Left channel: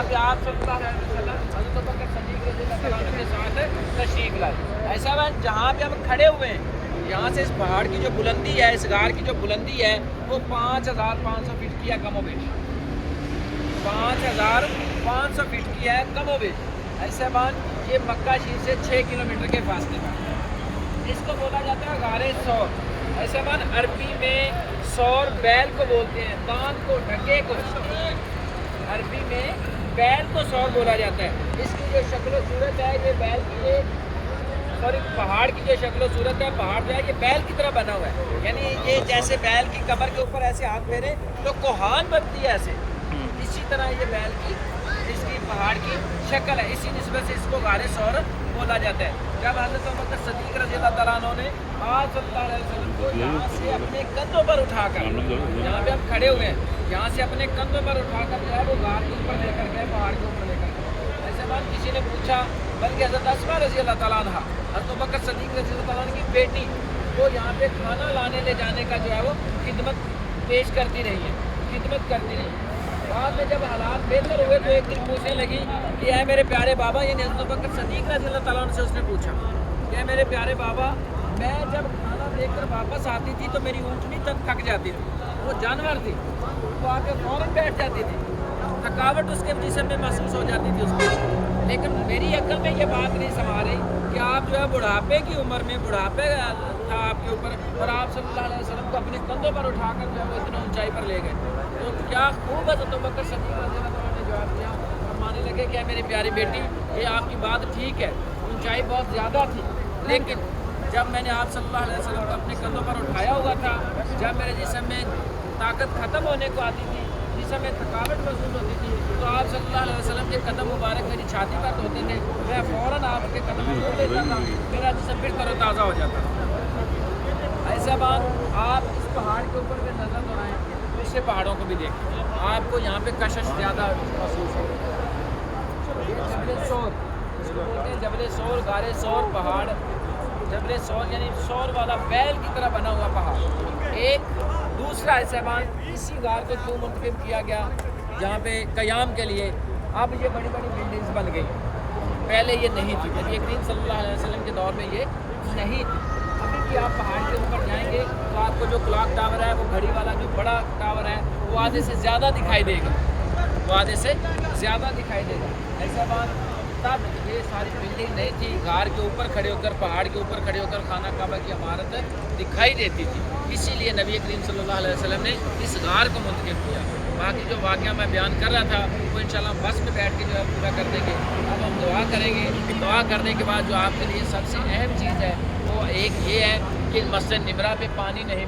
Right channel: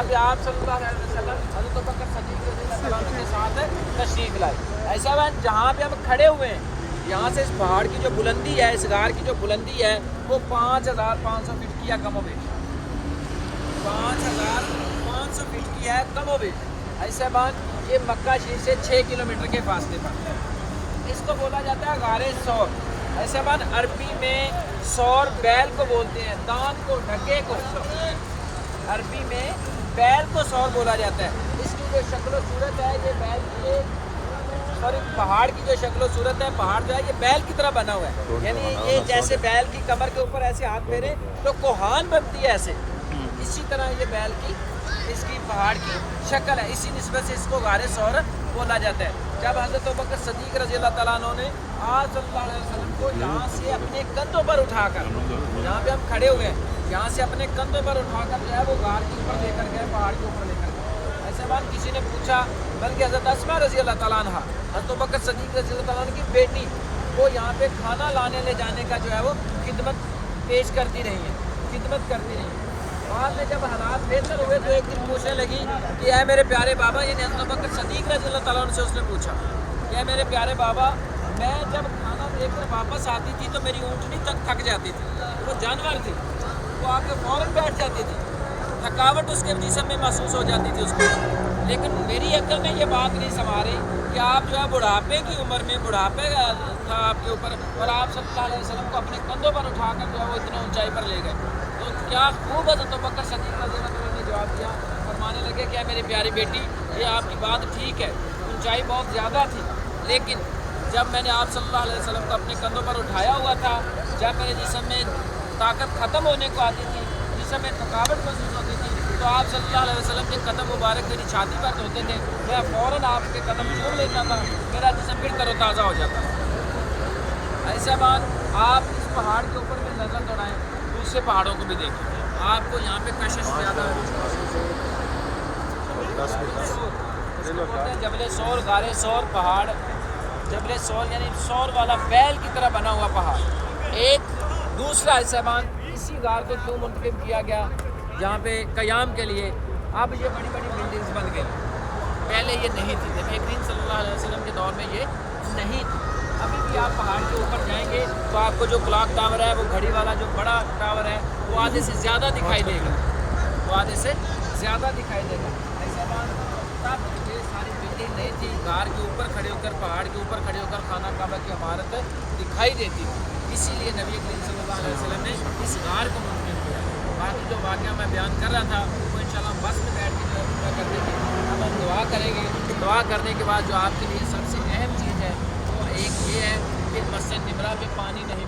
جہاں پہ آپ صلی اللہ علیہ وسلم حضرت ابوبکر صدیق رضی اللہ عنہ کے ساتھ تشریف لائے. ایسا ہے جہاں پہ ہم کھڑے ہوئے ہیں یہاں سے اس پہاڑ کی جو بلندی ہے, اس غار کی جو بلندی ہے وہ 5500 فٹ کی ہے کم و بیش. 5500 فٹ کی ہے کم و بیش. ایسے بعد یہ مکہ شریف سے 6 کلومیٹر کے فاصلے پر. اس کو بولا جاتا ہے غار ثور. ایسے بعد عربی میں ثور بیل کو بولتے ہیں, دان کو, ڈھکے کو. عربی میں بیل کو ثور بولا جاتا ہے. اس کی جو شکل و صورت ہے یہ بیل کی اور ایک پہاڑ کی جو شکل و صورت ہے, پہاڑ جو ہے یہ بیل کی طرح بنا ہوا ہے. یعنی یہ جیسے بیل کی کمر کے اوپر ایسے ہاتھ پھیرے تو کوہان بنتی ہے ایسے, اسی طرح یہ بیل کی اس کی پہاڑ کی شکل ہے. اسی نسبت سے اس کو غار ثور بولا جاتا ہے. جب حضرت ابوبکر صدیق رضی اللہ تعالیٰ عنہ نے آپ صلی اللہ علیہ وسلم کو یہاں سے اپنے کندھوں پر اٹھا کر, جہاں پہ ہم کھڑے ہوئے ہیں یہاں سے اپنے کندھوں پر اٹھا کر جو ہے وہ غار کے اوپر لے کر گئے, پہاڑ کے اوپر لے کر گئے. ایسے بعد کسی نے پوچھا, بلکہ حضرت اسماء رضی اللہ تعالیٰ عنہ حضرت ابوبکر صدیق رضی اللہ تعالیٰ عنہ کی بیٹی وہ یہاں پہ کھانا لانے لے جانے کا جو ہے وہ خدمت پیش کرتی رہی ہیں, خدمت کرتی رہی. بعد میں جب حالات بہتر ہوئے تو ایک دن پوچھنے لگی کہ اے میرے پیارے بابا, یعنی حضرت ابوبکر صدیق رضی اللہ تعالیٰ عنہ سے اس نے پوچھا کہ اے میرے پیارے بابا, میں جب کھانا دے کر واپس آتی تھی تو میری اونٹنی تھک جاتی تھی. وہ جانور تھی, وہ آ کے فوراً بیٹھ جاتی تھی, تھکاوٹ اس کے جسم میں محسوس ہو جاتی تھی اس کو. لیکن میری عقل میں یہ بات نہیں سما رہی کہ آپ جو ہے بڑھاپے کی عمر میں, بڑھاپے تھا آپ کے اوپر, اور آپ صلی اللہ علیہ وسلم کو اپنے کندھوں پر اٹھا کر جو ہے وہ اتنے اونچائی پر لے گئے. تو کیا خوب حضرت ابوبکر صدیق رضی اللہ عنہ نے جواب دیا, فرمانے لگے کہ میری پیاری بیٹی یہ آپ کی بات ٹھیک ہے, اونچائی بہت زیادہ تھی, لیکن جب میں نے آپ صلی اللہ علیہ وسلم کو اپنے کندھوں پر اٹھایا ہوا تھا, جب میرے جسم میں طاقت ختم ہونے کو آتی تھی, جسم میں تھکاوٹ محسوس ہوتی تھی, تو آپ صلی اللہ علیہ وسلم کے قدم مبارک میری چھاتی پر ہوتے تھے, میں فوراً آپ کے قدم چھوڑ لیتا تھا, میرا جسم پھر تر و تازہ ہو جاتا تھا. ایسا بات آپ اس پہاڑ کے اوپر میں نظر دوڑائیں, دوسرے پہاڑوں کو بھی دیکھیں, آپ کو یہاں پہ کشش زیادہ ہے. اس کو بولتے ہیں جبل ثور, غار ثور پہاڑ. جبل ثور یعنی ثور والا بیل کی طرح بنا ہوا پہاڑ. ایک دوسرا حصہ اسی غار کو کیوں منتخب کیا گیا جہاں پہ قیام کے لیے اب یہ بڑی بڑی بلڈنگز بن گئی, پہلے یہ نہیں تھی. نبی کریم صلی اللہ علیہ وسلم کے دور میں یہ نہیں تھی. ابھی بھی آپ پہاڑ کے اوپر جائیں گے تو آپ کو جو کلاک ٹاور ہے, وہ گھڑی والا جو بڑا ٹاور ہے, وہ آدھے سے زیادہ دکھائی دے گا, وہ آدھے سے زیادہ دکھائی دے گا. ایسا بات تب یہ ساری بلڈنگ نہیں تھی, غار کے اوپر کھڑے ہو کر, پہاڑ کے اوپر کھڑے ہو کر خانہ کعبہ کی عمارت دکھائی دیتی تھی. اسی لیے نبی کریم صلی اللہ علیہ وسلم نے اس غار کو منتخب کیا. باقی جو واقعہ میں بیان کر رہا تھا وہ انشاءاللہ ہم بس میں بیٹھ کے جو ہے پورا کر دیں گے. اب ہم دعا کریں گے. دعا کرنے کے بعد جو آپ کے لیے سب سے اہم چیز ہے وہ ایک یہ ہے کہ مسجد نمرہ پہ پانی نہیں